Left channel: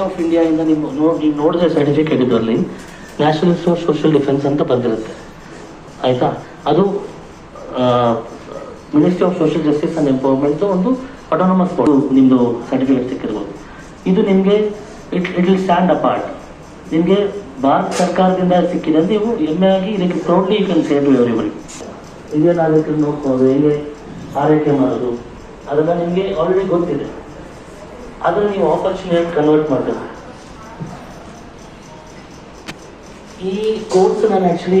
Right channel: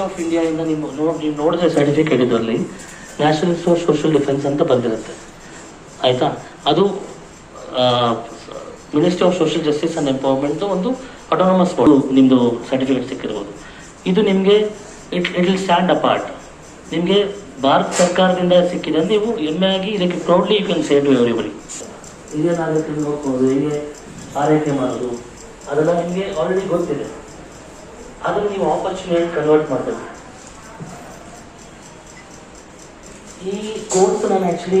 Of ಇಂದ ನೀವು ನೋಡಿ ನೀವು ನೋಡಿದ್ರೆ ಸರ್ಟಿಫಿಕೇಟ್ ಇದರಲ್ಲಿ ನ್ಯಾಷನಲ್ ಫಾರ್ ಸೋಷಿಯಲ್ ಡಿಫೆನ್ಸ್ ಅಂತ ಬಂದಿರುತ್ತೆ. ಆಯ್ತಾ? ಅದು ministry of social justice and empowerment ಒಂದು ಅಟೋನಮಸ್ ಬೋರ್ಡ್ ನಿಮ್ಮದು ಸರ್ಟಿಫಿಕೇಟ್ ಸಿಕ್ಕಿರ್ಬೋದು. ಇದು ನಿಮಗೆ it it will stand apart ನಿಮಗೆ ಭಾರತ ಸರ್ಕಾರದಿಂದ ಸಿಕ್ಕಿದೆ. ನೀವು ಆಗಿ ಇದಕ್ಕೆ proudly you can save everybody ಹಿರಿಯ ನಾಗರಿಕರು ನೋಡ್ಬೋದು ಹೇಗೆ ಆರೈಕೆ ಮಾಡೋದು, ಅದೆಲ್ಲ ನಿಮಗೆ ಆಲ್ರೆಡಿ ಗೊತ್ತಿದೆ. ಅದನ್ನು ನೀವು ಆಪರ್ಚುನಿಟಿ ಕನ್ವರ್ಟ್ ಮಾಡೋದು ಈ ಕೋರ್ಸ್ ನಾನು actually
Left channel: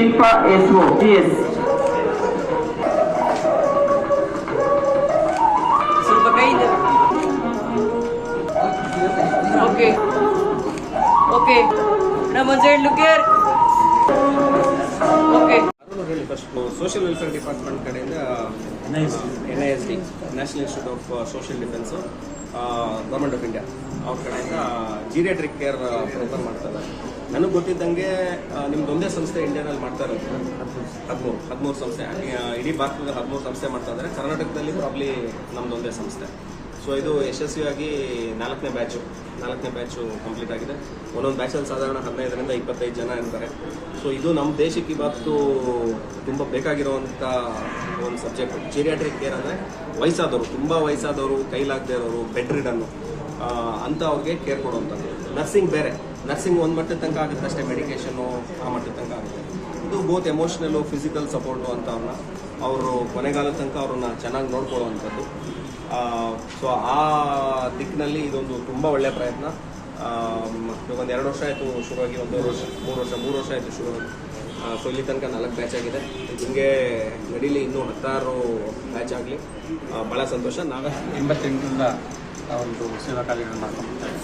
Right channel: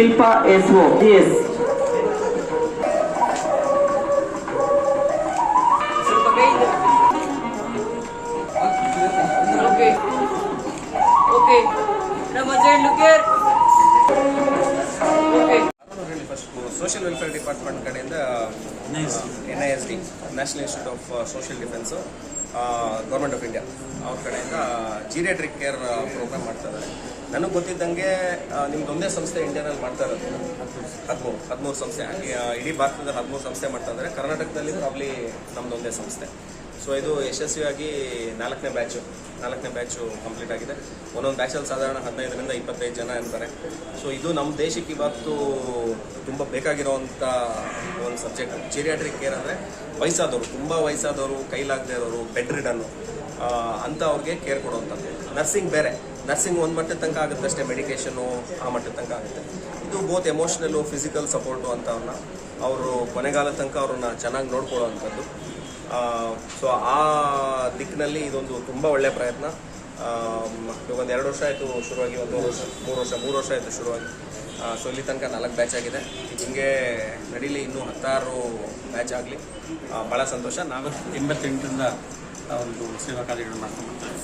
Shilpa S O S Okay. Okay. Look here. Okay. Social welfare department ಕಡೆಯಿಂದ N I S D national institute of social defence government of India ಅವ್ರ ಕಡೆಯಿಂದ ಜೀರಿಯಾಟ್ರಿಕ್ ಕೇರ್ ಪ್ರೋಗ್ರಾಮ್ ಮಾಡ್ತಾ ಇದ್ದಾರೆ ನನಗೆ ಗೊತ್ತಿದ್ದಂಗೆ ನಿಮ್ದೊಂದೇ ಸಂಸ್ಥೆ ಇಂಡಿಯಾನಲ್ಲಿ ಮಾಡ್ತಾ ಇರೋದು. ಹದಿಮೂರು ಹದಿಮೂರು ಸಂಸ್ಥೆ ಇಡೀ ಭಾರತದಲ್ಲಿ ಹದಿಮೂರು ಸಂಸ್ಥೆ ಮಾಡ್ತಾ ಇದ್ದಾರೆ. ಕರ್ನಾಟಕದಲ್ಲಿ ಪ್ರಾಬ್ಲಿ ನಮ್ದೊಂದೇ ಸಂಸ್ಥೆ. ಸೊ ಇದು ಯಶಸ್ವಿಯಾಗಿ ನಾಲ್ಕನೇ ಬ್ಯಾಚು ನಾಲ್ಕನೇ ಬ್ಯಾಚು ಕಂಪ್ಲೀಟ್ ಆಗಿದೆ. ಒಂದೊಂದು ಬ್ಯಾಚಲ್ಲಿ ಸಾಧಾರಣ ಹದಿನೈದರಿಂದ ಇಪ್ಪತ್ತೈದು ಜನ ಇರ್ತಾರೆ. ಸೊ ಇದು ನಮ್ಮ ದೇಶಕ್ಕೆ ಇವತ್ತು ತುಂಬ ಬೇಕಾಗಿರುವಂಥ ಒಂದು ಸಬ್ಜೆಕ್ಟ್ ಚಿರಿಯಾಟ್ರಿಕ್ ಕೇರ್ ಅಂದರೆ ವಯಸ್ಸಾದವರು, ತುಂಬ ವಯಸ್ಸಾದವರು, ಕೈಲಾಗದೇ ಇರೋರು ಬೆಡ್ ರಿಡನ್ನು ಅಂತ ಅವ್ರಿಗೆ ಕೇರ್ ಕೊಡುವಂಥದ್ದು. ನರ್ಸಿಂಗ್ ಬೇರೆ. ನರ್ಸಿಂಗ್ ಒಂದು ಮಟ್ಟದ ತನಕ ಆಗುತ್ತೆ ಅಷ್ಟೇ ಮೆಡಿಕೇಷನು ಆ ಮಟ್ಟದ ತನಕ ಆಗುತ್ತೆ. ಇದು ಬೋತ್ ಎಮೋಷ್ನಲ್ಲು ಫಿಸಿಕಲ್ ಸಪೋರ್ಟು ಅಂತವ್ರನ್ನ, ಅವರು ಕೊನೆಗಾಲದ ತನಕ ಅವ್ರನ್ನ ಚೆನ್ನಾಗಿ ನೋಡ್ಕೊಳ್ಳೋವಂಥದ್ದು. ಸೊ ಆ ದಿಕ್ಕಿನಲ್ಲಿ ಇದೊಂದು ತುಂಬ ಒಳ್ಳೆಯ ಪ್ರಯತ್ನ. ಒಂದು ಎರಡು ವರ್ಷ ಆಯಿತು ಶುರುವಾಗಿ ಒಂದೂವರೆ ವರ್ಷ, ಮೂರು ವರ್ಷ ಮೂರು ವರ್ಷ ಆಯಿತು ಶುರುವಾಗಿ. ಸೊ ಇಲ್ಲಿ ತನಕ ನಾಲ್ಕು ಬ್ಯಾಚ್ ಆಗಿದೆ. ಹಿಂಗೆ ನಡೀಲಿ ಇನ್ನೂ ಹತ್ತಾರು ಬ್ಯಾಚ್ ಆಗಲಿ. ಭಾಳ ಸಂತೋಷ. ನಾವು ಎಂಬತ್ತೆಂಟರಿಂದ ಒಂದು ಸೇವಾ ಕಾರ್ಯಗಳನ್ನು ಮಾಡ್ಕೊಂಡ್ಬರ್ತೇವೆ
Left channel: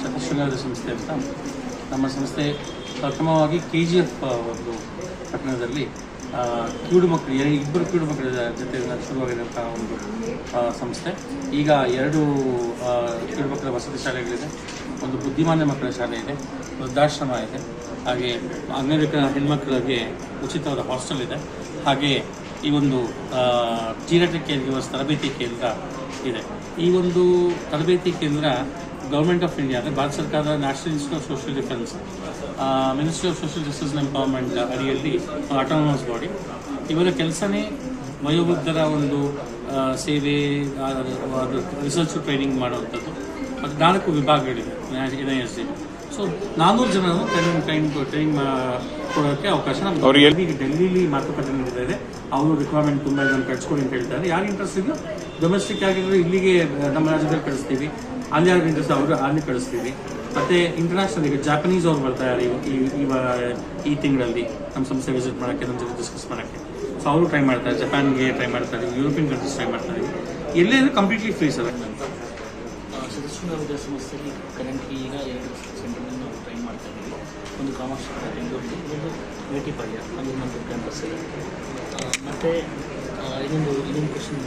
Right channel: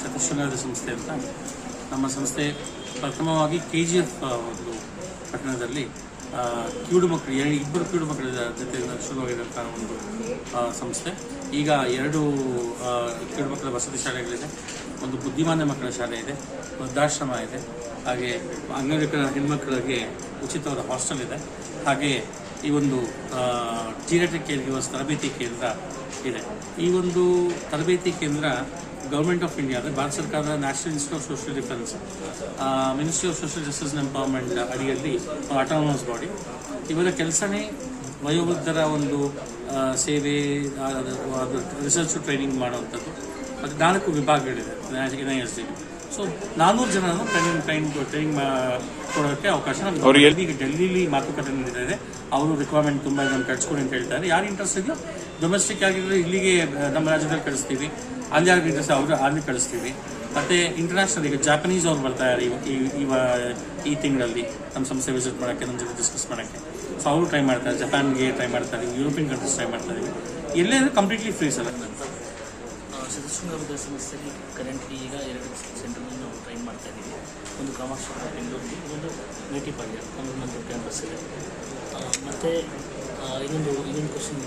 ಶತಶೃಂಗಾರ ಸಂಸ್ಥೆ ಅಂತ. ನಮ್ಮ ಸಂಸ್ಥೆ ಪ್ರಥಮವಾಗಿ ಕೆ ಜಿ ಎಫ್ ಒಂದು ಪಟ್ಟಣದಲ್ಲಿ ಕಿವುಡು ಮಕ್ಕಳು ಎರಡು, ಇಬ್ಬರು ಕಿವುಡು ಮಕ್ಕಳ ಜೊತೆ ಶುರುವಾಗಿರುವಂಥ ಒಂದು ಸಂಸ್ಥೆ. ಈಗ ಎರಡು ಕಿವುಡು ಮಕ್ಕಳ ವಸತಿ ಶಾಲೆಗಳಿದೆ. ಒಂದು ಬುದ್ಧಿಮಾನ್ಯ ಮಕ್ಕಳ ಶಾಲೆ ಇದೆ, ವೃದ್ಧಾಶ್ರಮ ಇದೆ. ಹಾಗೆ ಅಂಗವಿಕಲ ಹೆಣ್ಮಕ್ಳಿಗೆ ಉಚಿತವಾದ ಹಾಸ್ಟೆಲ್ ಇದೆ. ಹಾಗೆ ಈ ಒಂದು ಟೀರಟ ಕೇಂದ್ರ ತರಬೇತಿ ಕೇಂದ್ರ ಇದೆ. ಈ ಒಂದು ತರಬೇತಿ ಕೇಂದ್ರ ಗೌರ್ಮೆಂಟ್ ಆಫ್ ಇಂಡಿಯಾ ಅಂದರೆ ಭಾರತ ಸರ್ಕಾರದ national institute of social defence ministry of social justice and empowerment ಅಡಿಯಲ್ಲಿ ಆಟೋನಮಸ್ ಬಾಡಿ ಇವರ ಕೆಲಸನೇ ವಯೋವೃದ್ಧರ ಒಂದು ಸೇವೆ ರಿಸರ್ಚ್ ಟ್ರೈನಿಂಗ್ ಮಾಡುವಂಥದ್ದು. ಮತ್ತು ನಾಲ್ಕು ವಿಭಾಗಗಳಿದೆ N I S D so ನಾನ್ನೂರು ಜನರನ್ನು ಟ್ರೈನಿಂಗ್ ಟ್ರೈನ್ ಟ್ರೈನಿಂಗ್ ಕೊಡೋಕ್ಕೆ ಅವಕಾಶ ನಮ್ಗೆ ಈಗ ಡೆಲ್ಲಿಲಿ ಮಾತುಕತೆ ನಡೀತಾ ಇದೆ. ಅವರು ರಿಕ್ವೈರ್ಮೆಂಟ್ ತುಂಬ ಇದನ್ನು ಕಟ್ಸ್ಕೊಡಿ ಅಂತ ಹೇಳ್ತಾರೆ. ಯಾರು ಇಂಟ್ರೆಸ್ಟ್ ಇದೆಯೋ ಡೊಮೆಸ್ಟಿಕ್ ಆಗಿದ್ರೆ ಇಲ್ಲಿಗೆ ನಮ್ಮ ರಾಜ್ಯದಲ್ಲಿ ಕಳಿಸ್ತೀವಿ. ಅಲ್ಲಿ ಯಾರು ಇಂಟ್ರೆಸ್ಟ್ ಅವರು ಅಲ್ಲಿ ಕಳಿಸ್ತೀವಿ. ಮತ್ತೆ ಇಂಟರ್ನ್ಯಾಷನಲ್ ಈಗ ಜಾಪನೀಸ್ ಅವ್ರು ಬರ್ತಾ ಇದ್ದಾರೆ ಈ- ತಿಂಗಳಲ್ಲಿ ನಮ್ಮ ಸಂಸ್ಥೆ ವಿಸಿಟ್ ಮಾಡೋಕ್ಕೆ ನಮ್ಮ ಜೊತೆ ಡಿಸ್ಕಸ್ ಮಾಡೋಕ್ಕೆ. ಸೊ ಅವರು ಟ್ರೈ ಮಾಡ್ತಾರೆ. ಜಪಾನ್ಗೆ ಟ್ರೈ ಮಾಡ್ತಾರೆ. ಯುರೋಪಿಯನ್ ಕಂಟ್ರೀಸ್ ಟ್ರೈ ಮಾಡ್ತಾರೆ. ಎಲ್ಲೇ ಕಂಪ್ಲೀಟ್ಲಿ ಫ್ರೀ ಸರ್ ಸದಸ್ಯ ವಿದ್ಯಾಸಂಸ್ಥೆಗೆ ಕರೆಂಟ್ಲಿ ಈಗ ಎರಡು ನಾವು ಟ್ರೈನ್ ಮಾಡ್ತಾ ಇದ್ದೀವಿ. ಒಂದು ಕಾಮಾಕ್ಷಿ ಬೆಂಗಳೂರಲ್ಲಿ, ಇನ್ನೊಂದು ಮೇಟಿಪಾಳ್ಯ, ಅಲ್ಲಿ ನಮ್ಮ ಕ್ಯಾಂಪಸ್ ಇದೆ. ಮತ್ತೆ ಇನ್ನೊಂದು ಇನ್ನೊಂದು ಕ್ವಶನ್